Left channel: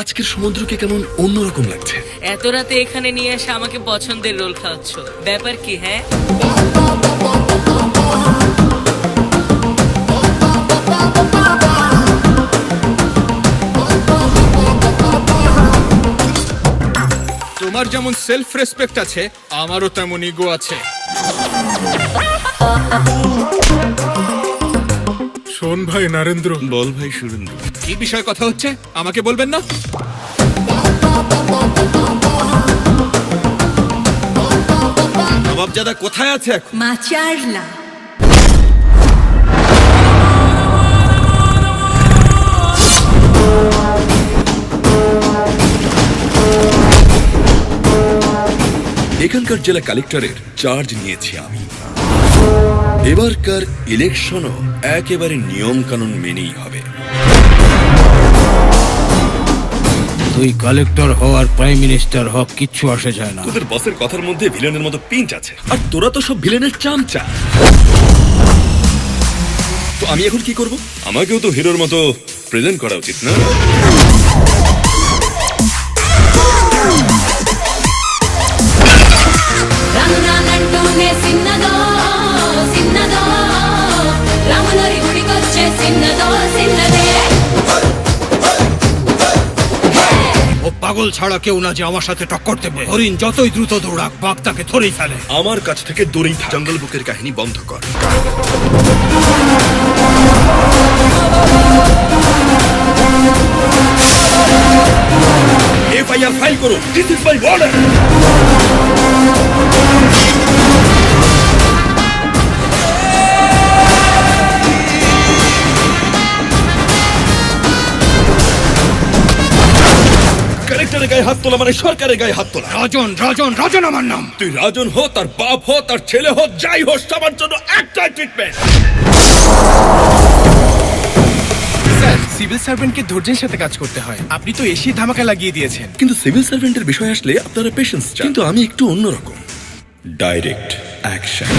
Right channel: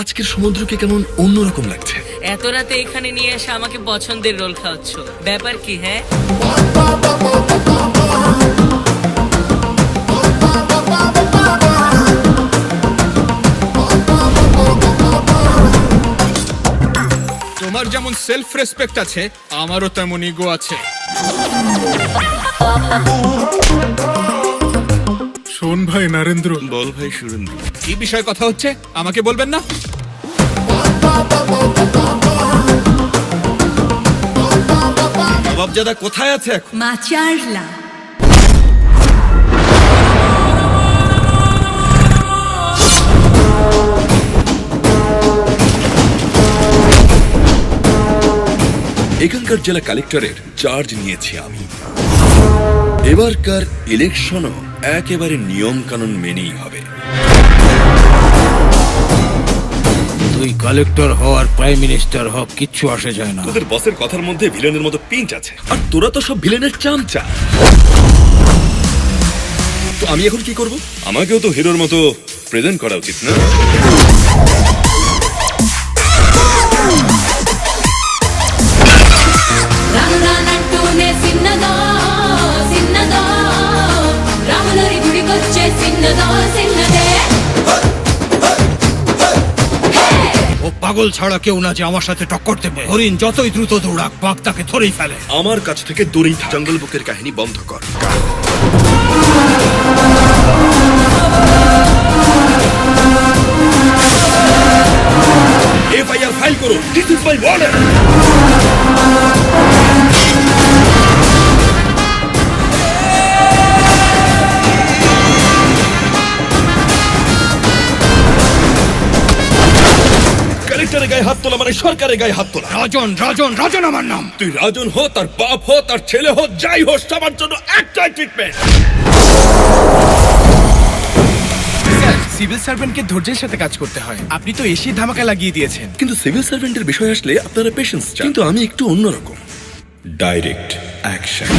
আজকের সমুদ্রকে কেমন অন্যরকম লাগছে? এত রাতে এখানে নিয়ে এসে আমাকে পছন্দের রোল খাওয়াচ্ছ। ব্যাপার কি হ্যাঁ? তোমার যেমন সেলফ রেসপেক্ট আছে আমারও তেমন ইগো আছে। শোন ভাই নরেন্দ্র। বল ভাই সুরেন্দ্র। কি বিষয়ে কথা হচ্ছে? আমাকে বলবেন না? নবাবজাদা কোথায় আছে এখন? মাচারলা। এখানকার জেলা কালেক্টরের চার্জ নিয়েছি আমি। এবারকার ইলেকশনও একেবারে নিয়ম কানুন মেনেই হবে। তুই কালেক্টর হওয়ার প্রাইম মিনিস্টার হক কিচ্ছু আসে যায় না। তোদের বসের কথার মধ্যে ভিলেনের মতো পিঞ্চ আছে। আর তোরা তো সব ভিলেনের চামচা। তো আমি এখন কি করব? আমাকেও তো হিরোর মতো প্রেজেন্ট করা উচিত না? ও পাগল ছাড়া কেউ না যে আমার সাথে টক্কর দেবে। হরিণ যতই দ্রুত দৌড়াক বাঘ তাকে ধরেই ফেলে। আমার কাছ থেকে দূরেই থাক। জঙ্গল বুকের কাহিনী বন্ধ কর। এফআইআর ফাইল করো দিস ইজ মাই অর্ডার কালেক্টরের গায়ে হাত তোলা মানে সরকারের গায়ে হাত তোলা। রাজন রাজন রাজন আমার নাম। তুই রাজন হো তার বাপ হো তার ছেলে হো যাই হোক সবার জন্য একটাই ট্রিটমেন্ট স্যার সিভিল সার্ভেন্টকে ধৈর্যের সাথে কাজ করতে হয়। আপনি তো এসি ধামাকা লাগিয়ে দিয়েছেন। কিন্তু সিভিল সার্ভেন্টের বিষয় আসলে আপনারা পেশেন্স চান। কিন্তু আমি একটু অন্যরকম। Direct action